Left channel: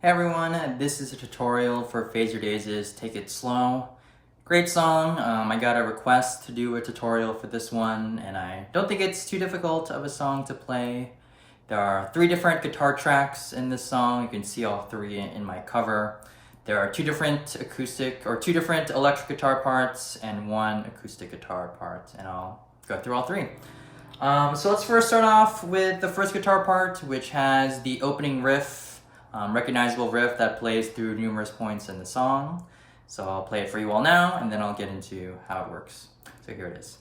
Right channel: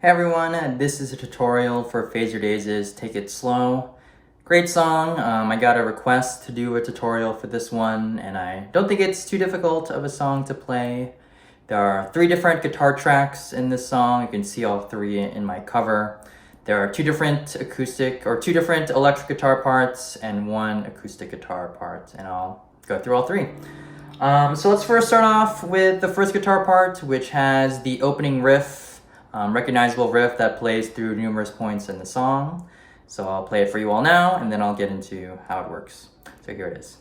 Hey everyone, this is a tutorial for Fazerdaze's Take It Slow. Great song. I got a request to do a tutorial for this one, and I don't think it's too difficult of a song to play. There are 3 different guitar tracks in this song. You can see all 3 in my cover. There are 2 different electric guitar parts and 1 acoustic guitar part, and I'll go through all 3. So let's first start off with the first guitar part, which has the opening riff. Recognizable riff that plays through numerous points in the song. So I'll play it for you all now, and then I'll get into how it works. So here it is.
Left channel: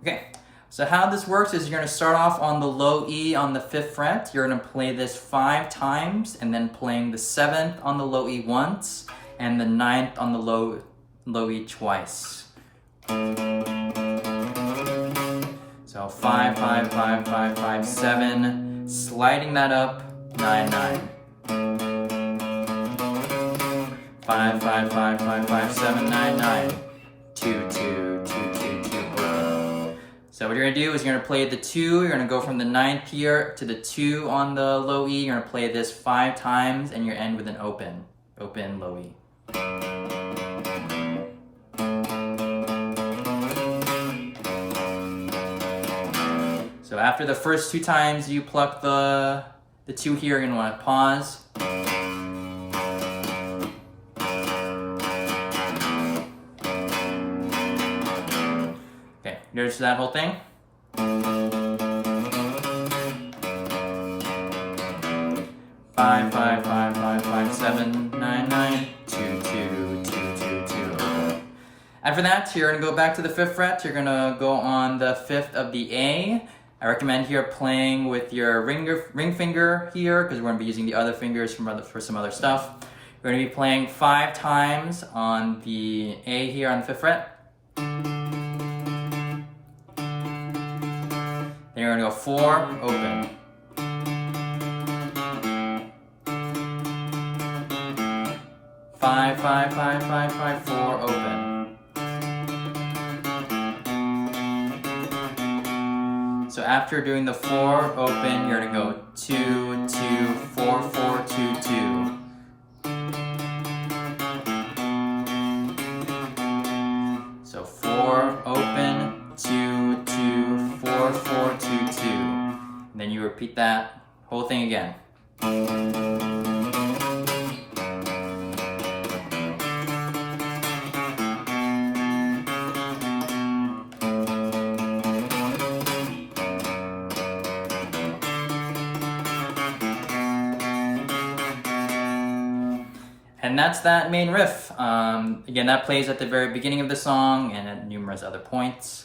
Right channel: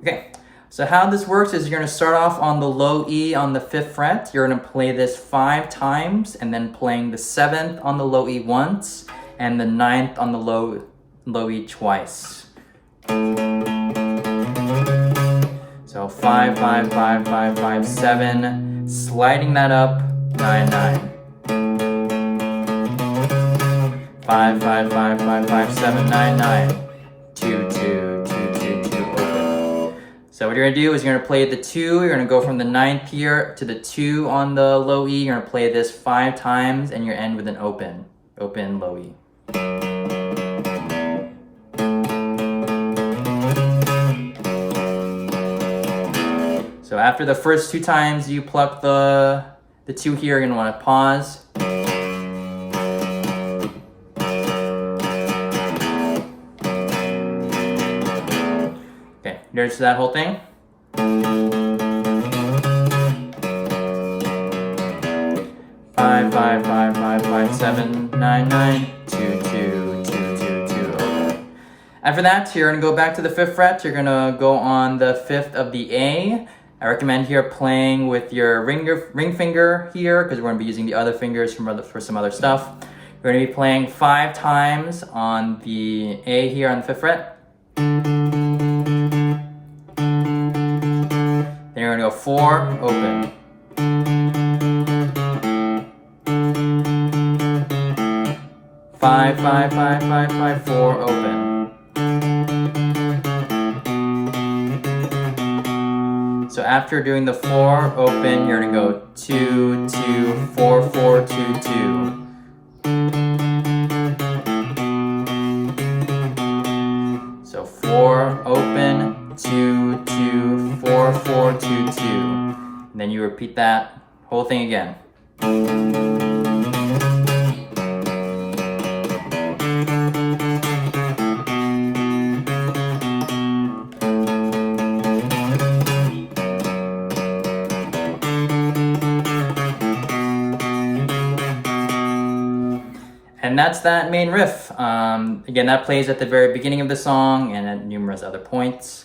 Okay. So how this works is you're going to start off on the low E on the 5th fret. You're going to play this 5 times, and then playing the 7th on the low E once, and the 9th on the low E twice. So 5, 5, 5, 5, 5, 7, sliding that up, 9, 9. 5, 5, 5, 5, 5, 7, 9, 9. 2, 2, 2, 2, 2, open. So what you're going to do is you're going to play the 2, you're going to go from the 9th here to the 2 on the low E, you're going to play this 5 times, and you end with an open low E. So after the first 2 times you pluck the 2 here, you're going to want to pause. Okay, there's that whole thing. 5, 5, 5, 5, 5, 7, 9, 9, 2, 2, 2, 2, 2, open. After that, you're going to go back to the 5th fret. You're going to go on the 5th of the A. I recommend here playing with your ring finger here, because we're going to be using the other fingers for some other stuff. You're going to be playing 5 times on the A here on the 5th fret. Then you're going to go 4, open. 5, 5, 5, 5, 5, 4, open. So after doing the 4, open, you're going to go 2, 2, 4, 4, 2, 2. So 4, open, 2, 2, 4, 4, 2, 2. And then you repeat that whole thing again. And that's that main riff. Again, that plays at the very beginning of the song and at numerous other points.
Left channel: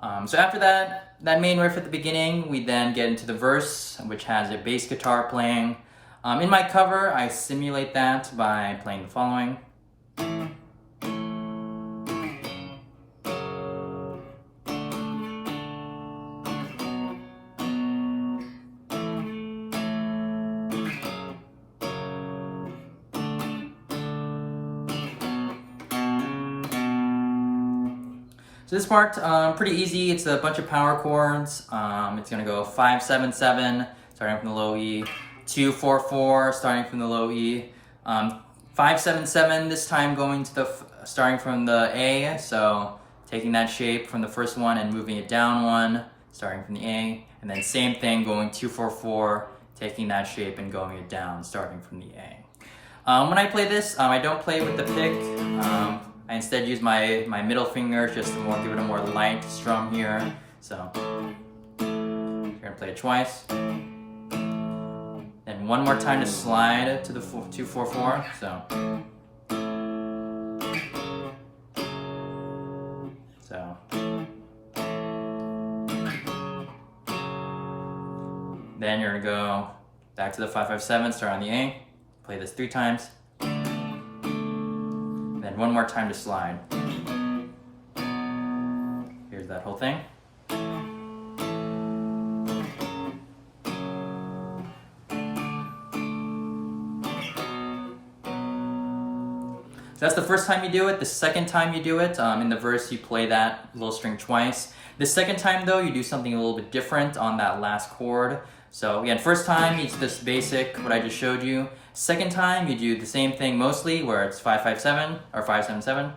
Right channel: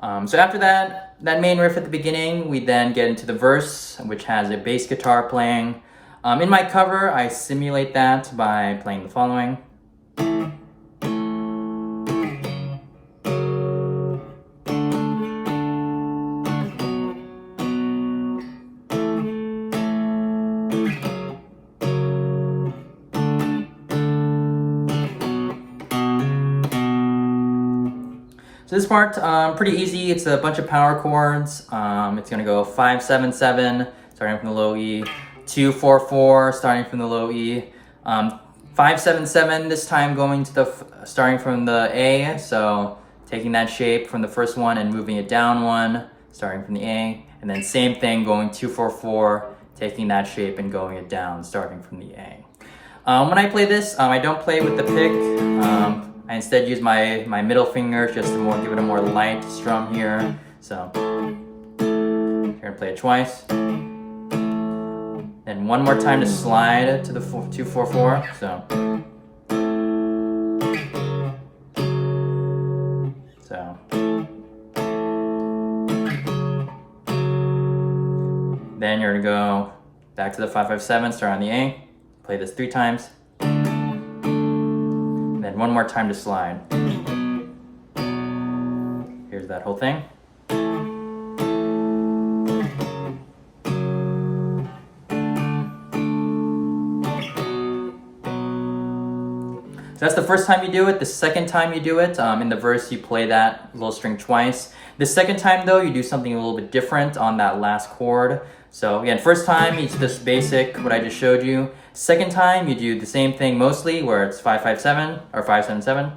So after that main riff at the beginning, we then get into the verse, which has a bass guitar playing. In my cover, I simulate that by playing the following. So this part, pretty easy. It's a bunch of power chords. It's gonna go 5, 7, 7, starting from the low E, 2, 4, 4, starting from the low E, 5, 7, 7, this time going to starting from the A, so taking that shape from the first one and moving it down 1, starting from the A, and then same thing going 2, 4, 4, taking that shape and going it down, starting from the A. When I play this, I don't play with the pick. I instead use my middle finger just to give it a more light strum here. So you're gonna play it twice. Then one more time to slide to the 2, 4, 4. So then you're gonna go back to the 5, 5, 7, start on the A, play this 3 times. Then one more time to slide. Here's that whole thing. that's the first time you do it. The second time you do it, in the verse, you play that little string twice. The second time, though, you do something a little bit different on that last chord. So again, first time, it's this basic, what I just showed you. Second time, you do the same thing mostly, where it's 5-5-7 or 5-7-7,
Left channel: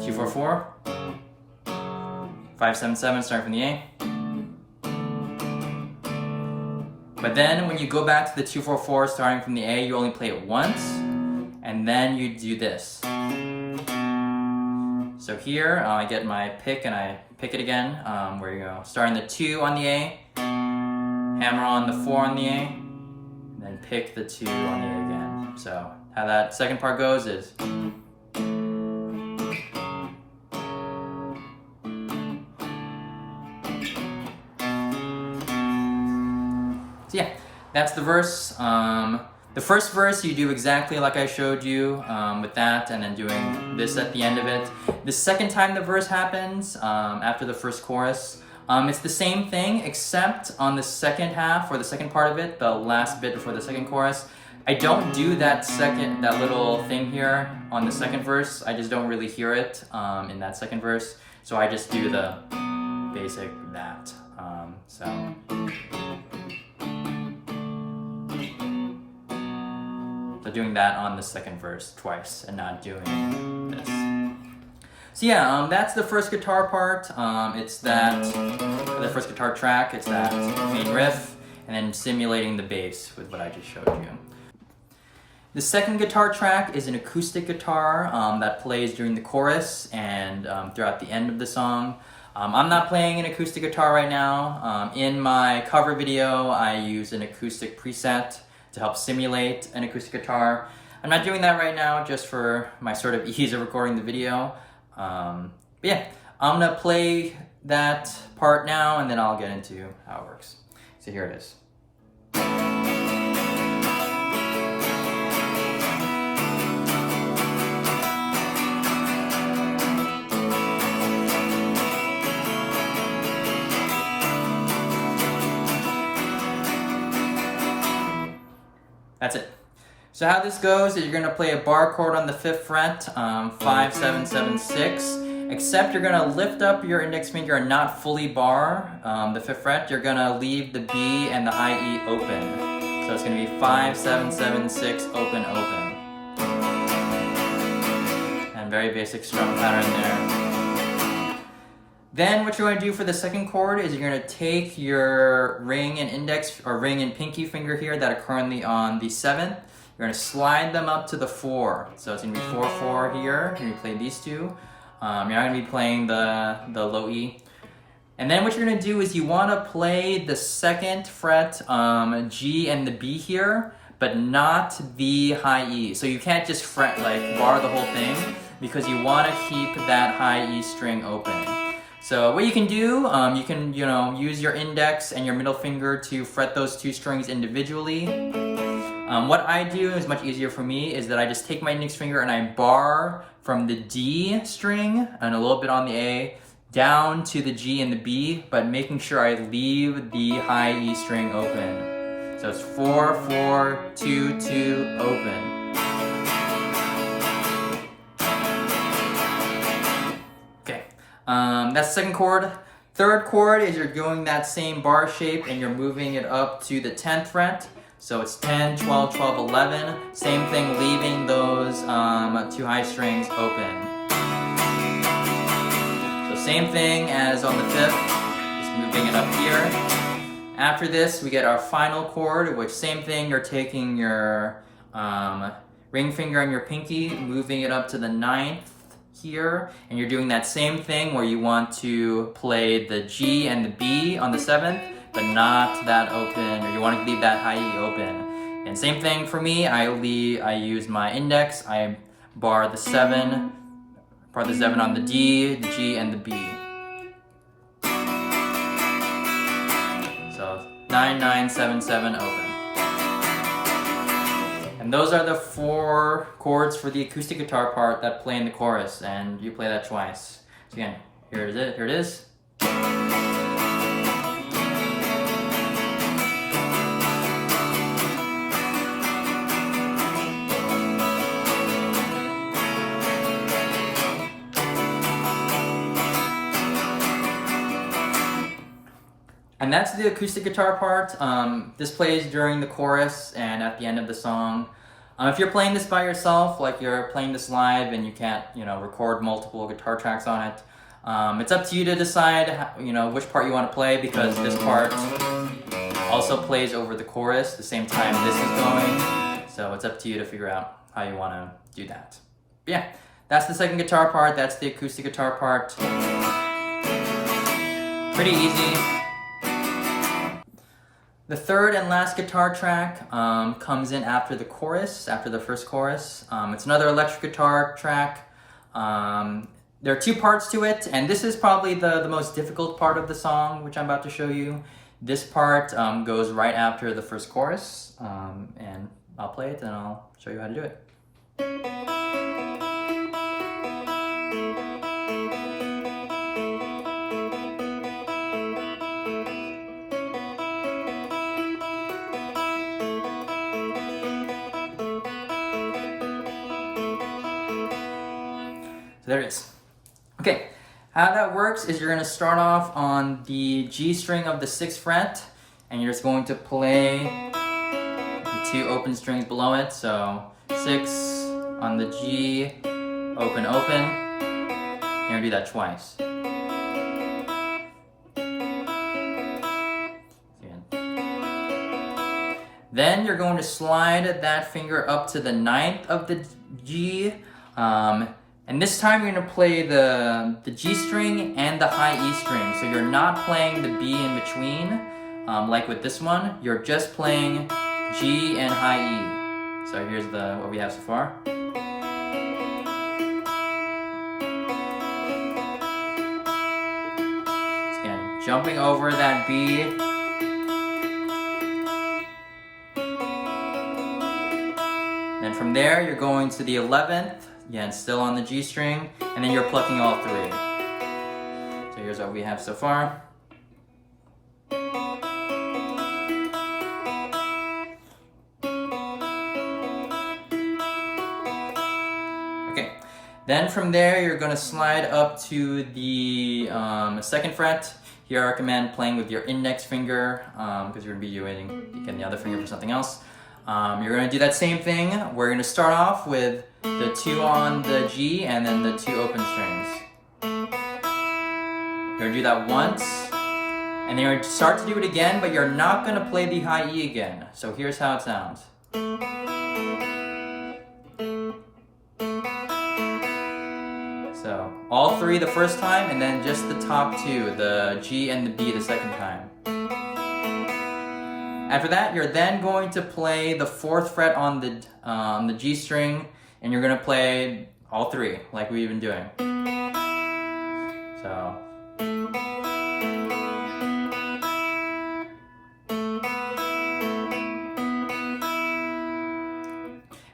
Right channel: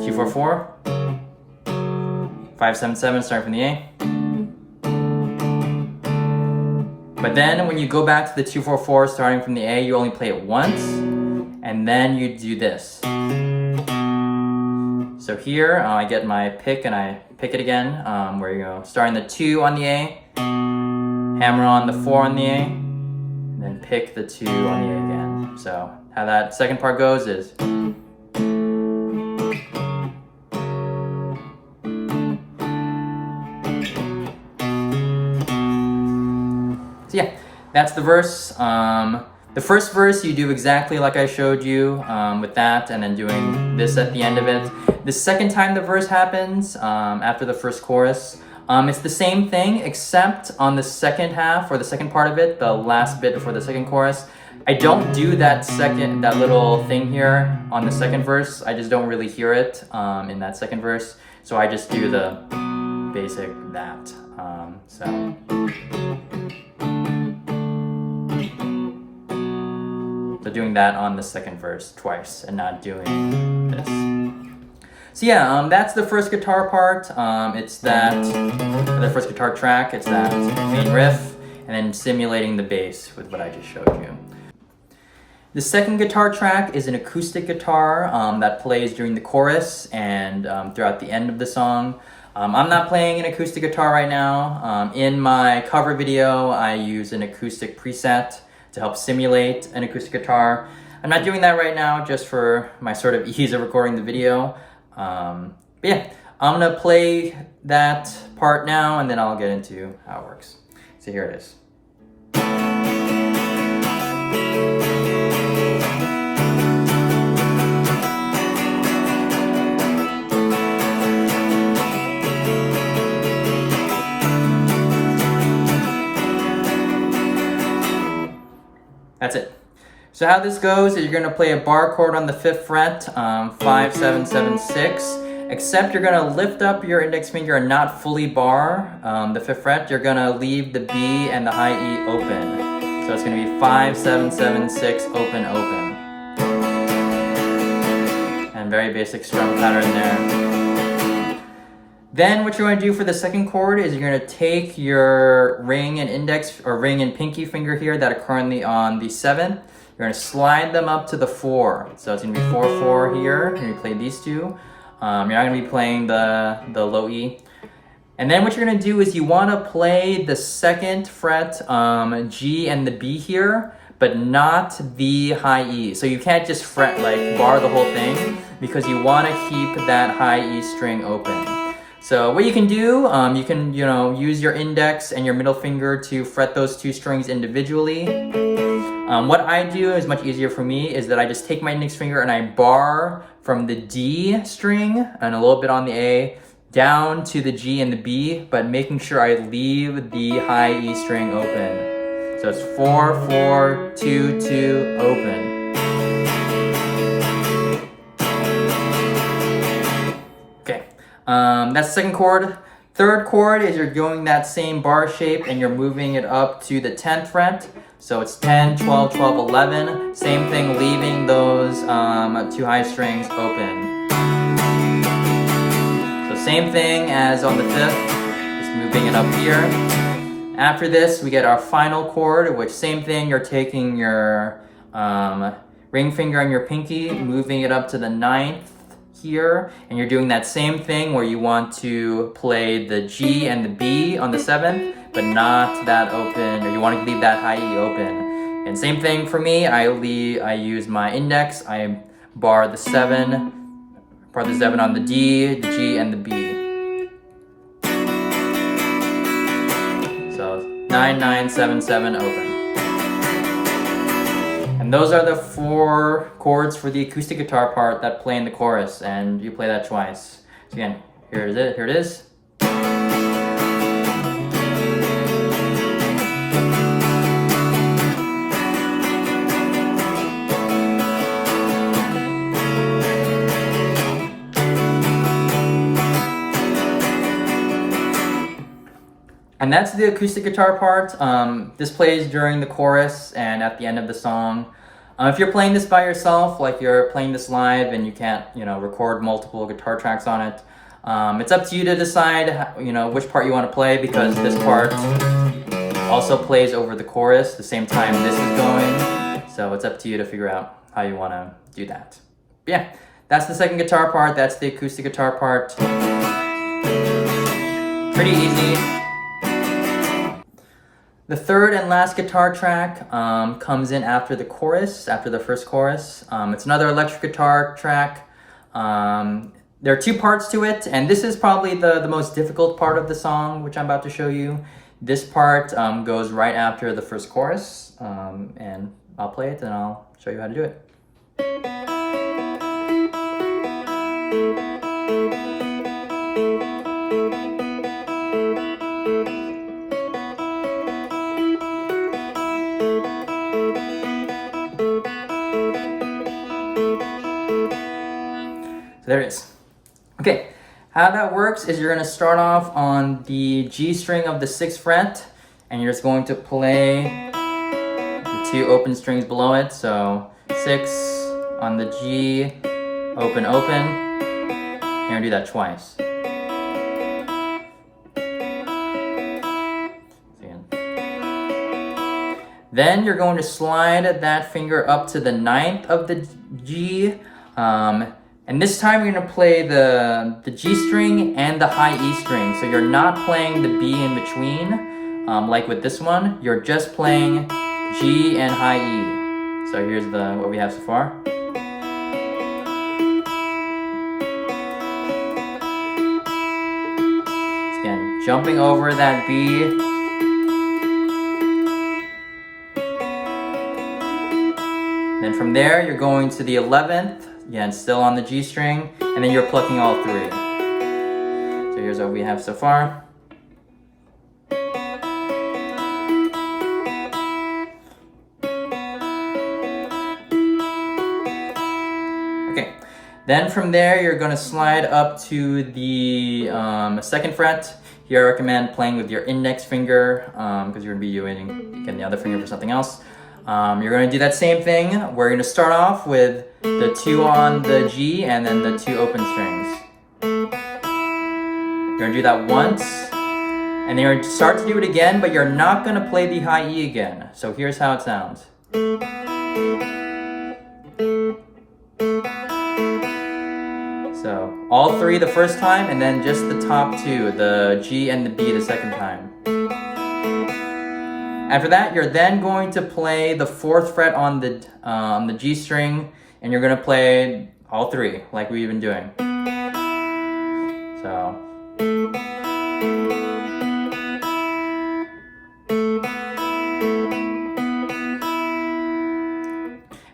2-4-4, 5-7-7, starting from the A. But then when you go back to the 2-4-4, starting from the A, you only play it once, and then you do this. So here, I get my pick and I pick it again, where you go, starting the 2 on the A, hammer on the 4 on the A, and then pick the 2 on the A again. So how that second part goes is... So yeah, that's the verse. The first verse you do exactly like I showed you with that, and then doing this at the end of it. The second time the verse happens, after the first chorus, it's the same thing, except on the second half, or the second part of it, the last bit before the second chorus, I don't do that little thing here on the second verse. I just don't really hear it in that second verse. So I just do the basic that. So doing that on the second verse twice and not doing this. So yeah, that's the first guitar part. It's that, the first guitar track, it's that main riff, and then simulating the bass with what I just showed you. The second guitar track is an acoustic guitar that plays during the chorus and throughout the end of the song. I'm not playing an acoustic guitar right now. In my cover video, I use an acoustic preset to help simulate an acoustic guitar. I'm not doing that right now, just for my sort of ease of recording the video. But yeah, I'm gonna play that part now, and then I'll get into how it works. So here it is. That's it. So how this goes is you're gonna play a bar chord on the 5th fret, 5, 7, 7, 6, except you're gonna lift up your index finger and not fully bar the 5th fret. You're gonna leave the B and the high E open. So it's gonna be 5, 7, 7, 6, open, open. And very basic strum pattern there. Then what you're going to do for the second chord is you're going to take your ring and index, or ring and pinky finger here that are currently on the 7th. You're going to slide them up to the 4. So it's going to be 4, 4 here. You're going to play these two. You're not going to be playing the low E. And then what you're going to do is you want to play the 2nd fret G and the B here, but not the high E. So you can't just fret, like bar the whole thing, because you want to keep that high E string open. So what you can do, you can, use your index and your middle finger to fret those two strings individually. What I do is much easier for me, is that I just take my index finger and I bar from the D string and a little bit on the A down to the G and the B, but making sure I leave the high E string open. So it's 4, 4, 2, 2, open. That's the second chord. Third chord is you're doing that same bar shape and you're moving it up to the 10th fret. So it's 10, 12, 12, 11. Same thing, leaving those two high strings open. So same thing as on the 5th, just moving it up here. After this, we get our final chord, which same thing, you're taking your ring finger and your pinky, moving it up to the 9th. Here, and you're doing that same thing where you want to play the G and the B on the 7th, but not that open, or you want to leave that high E open. And same thing for me, I use my index, I bar the 7 on the D, the G, and the B. So 9, 9, 7, 7, open. And those are the 4 chords for the acoustic guitar part that play in the chorus, and you play that twice. So again, here it is. And that's the acoustic guitar part. This plays during the chorus and at the end of the song. If you're playing this by yourself, like you're playing this live and you can't, record multiple guitar tracks on it, it's up to you to decide, which part you want to play, because this part also plays over the chorus the same time this is going. So it's up to you to figure out how you want to do that. But yeah, that's the second guitar part. That's the acoustic guitar part. Pretty easy. The third and last guitar track comes in after the chorus, after the first chorus. It's another electric guitar track. There are two parts to it, and this is probably the most difficult part of the song, which I'm about to show you. This part goes right after the first chorus, and I'll play it and I'll show you how to do it. So there it is. Okay, how that works is you're going to start off on the G string of the 6th fret, and you're just going to play the 2 open strings below it. So 6 on the G, open, open. You're going to do that twice. Then you're going to slide that finger up to the 9th of the G, and this time you're going to play the G string and the high E string. So you're not playing the B in between, like with this one. You're just playing G and high E. So here's what we have so far. Again, jumping over that B. Then from there, you're going to the 11th, again, still on the G string, and then you're plucking all 3. So here's what we have so far. Okay, then from there, you're going to slide up to the 2nd fret. Here I recommend playing with your index finger, because you're going to be using the other finger for something else. You're going to do that same thing. We're going to start off with the 2 on the G and then the 2 open strings. You're going to do that once, and then you're going to start to do it again, but you're not going to play the high E again. So here's how it sounds. So all 3 the first time, and then just the top 2, the G and the B the second time. After that, you're then going to play the 4th fret on the G string, and you're going to play all 3, like we've been doing. So.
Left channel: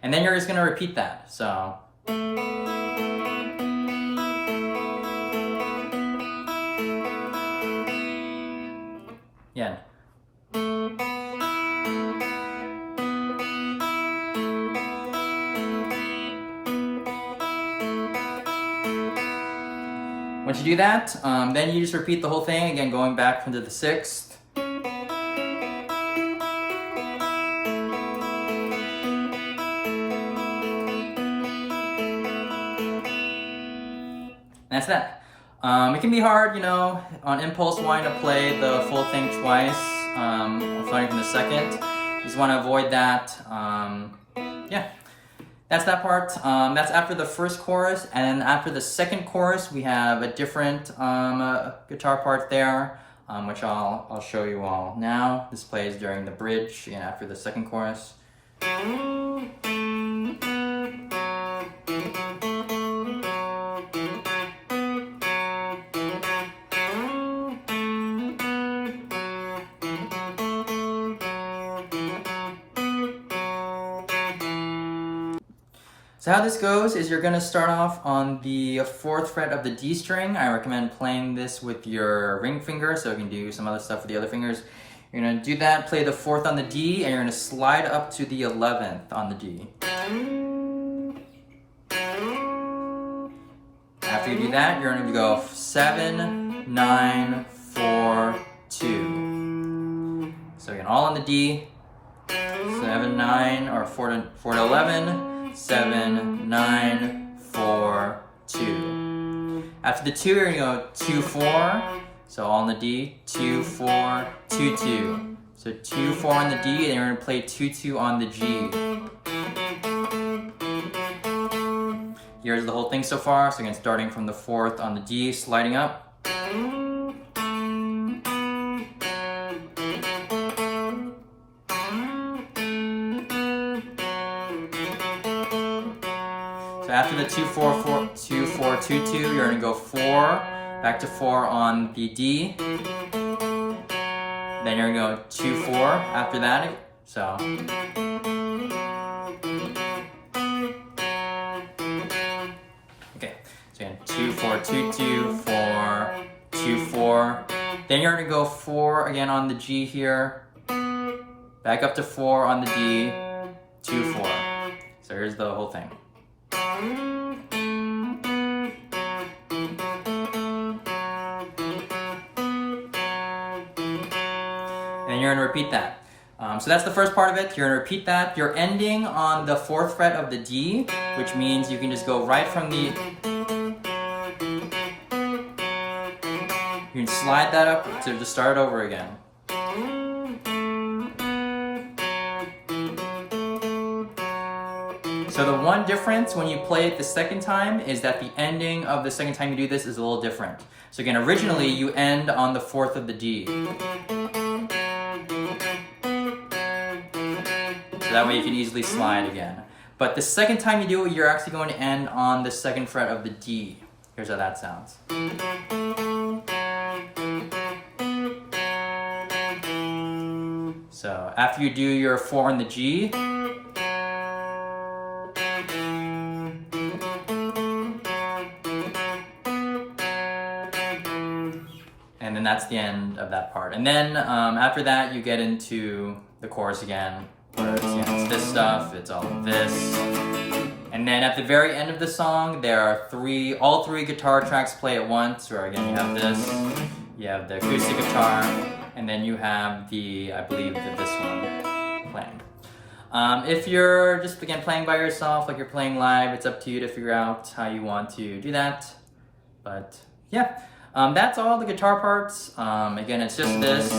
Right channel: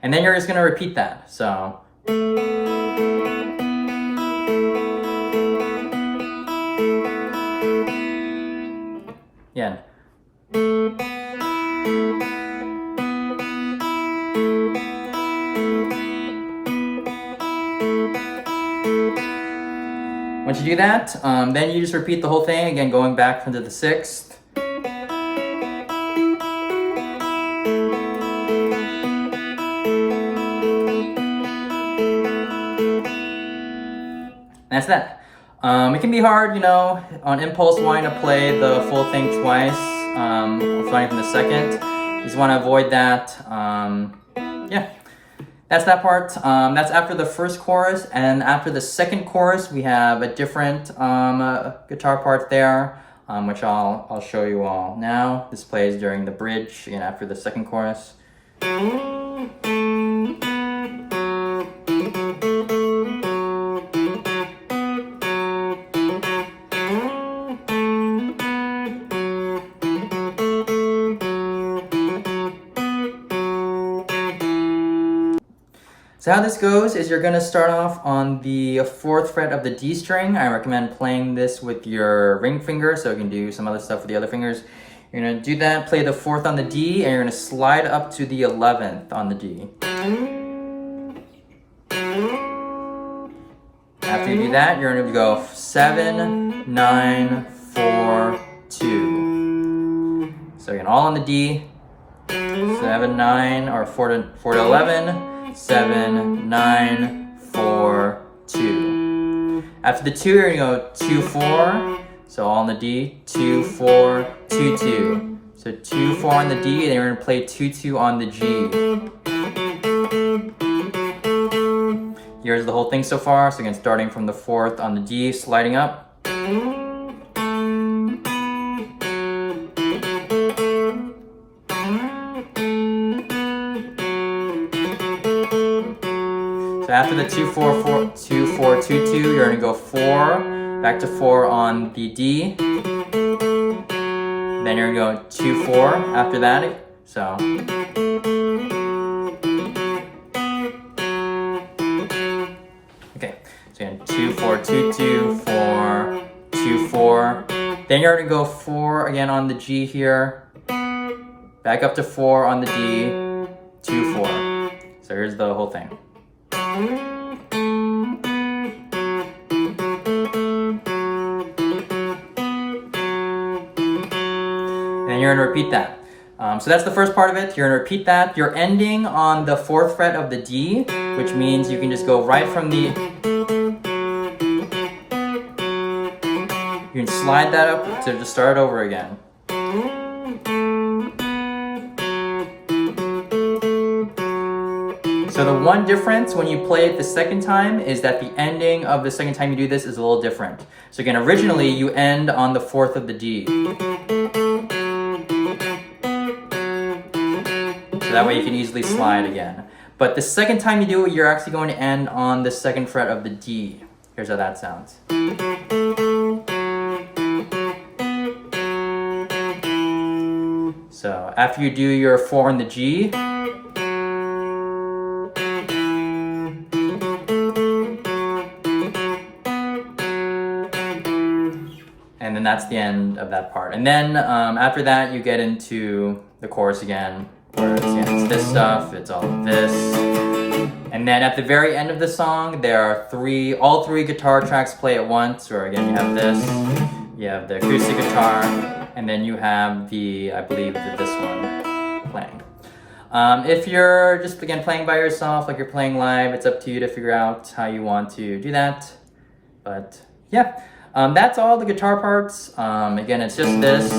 And then you're just going to repeat that. So. Again. Once you do that, then you just repeat the whole thing, again going back into the 6th. That's that. It can be hard, on impulse wanting to play the full thing twice, starting from the 2nd. You just want to avoid that. Yeah. That's that part. That's after the first chorus, and after the second chorus, we have a different guitar part there, which I'll show you all now. This plays during the bridge, again after the second chorus. So how this goes is you're going to start off on the 4th fret of the D string. I recommend playing this with your ring finger so you can do some other stuff with the other fingers. You're going to do that, play the 4th on the D, and you're going to slide up to the 11th on the D. After you do that, you're going to go 7, 9, 4, 2. So again, all on the D, 7, 9, or 4 to 11, 7, 9, 4, 2. After the 2, you're gonna go 2, 4. So all on the D, 2, 4, 2, 2. So 2, 4 on the D, and you're gonna play 2, 2 on the G. Here's the whole thing so far. So again, starting from the 4th on the D, sliding up. So after the 2, 4, 4, 2, 4, 2, 2, you're gonna go 4, back to 4 on the D. Then you're gonna go 2, 4 after that. So. Okay, so again, 2, 4, 2, 2, 4, 2, 4. Then you're gonna go 4 again on the G here. Back up to 4 on the D, 2, 4. So here's the whole thing. And you're gonna repeat that. So that's the first part of it. You're gonna repeat that. You're ending on the 4th fret of the D, which means you can just go right from the... You can slide that up to just start over again. So the one difference when you play it the second time is that the ending of the second time you do this is a little different. So again, originally you end on the 4th of the D. So that way you can easily slide again. But the second time you do it, you're actually going to end on the 2nd fret of the D. Here's how that sounds. So after you do your 4 on the G, and then that's the end of that part. And then after that, you get into the chorus again, where it's this stuff, it's all of this. And then at the very end of the song, there are all three guitar tracks play at once, where again, you have this, you have the acoustic guitar, and then you have I believe this one playing. If you're just, again, playing by yourself, like you're playing live, it's up to you to figure out how you want to do that. But yeah. That's all the guitar parts. Again, it's just this.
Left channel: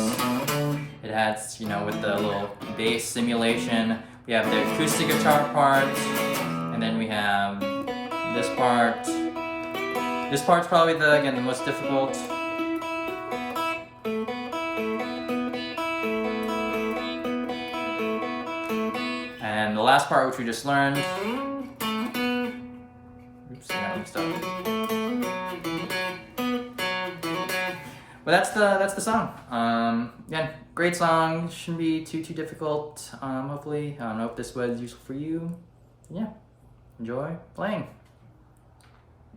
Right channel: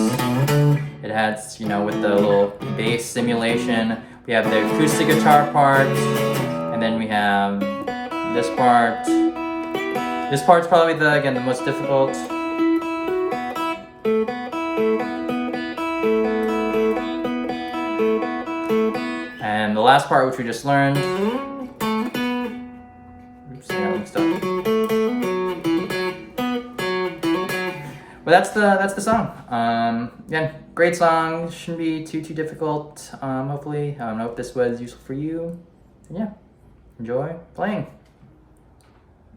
It has, with the little bass simulation. We have the acoustic guitar part, and then we have this part. This part's probably the most difficult. And the last part, which we just learned. Oops, I got mixed up. But that's the song. Again, great song. Shouldn't be too difficult. Hopefully, I hope this was useful for you. And yeah, enjoy playing.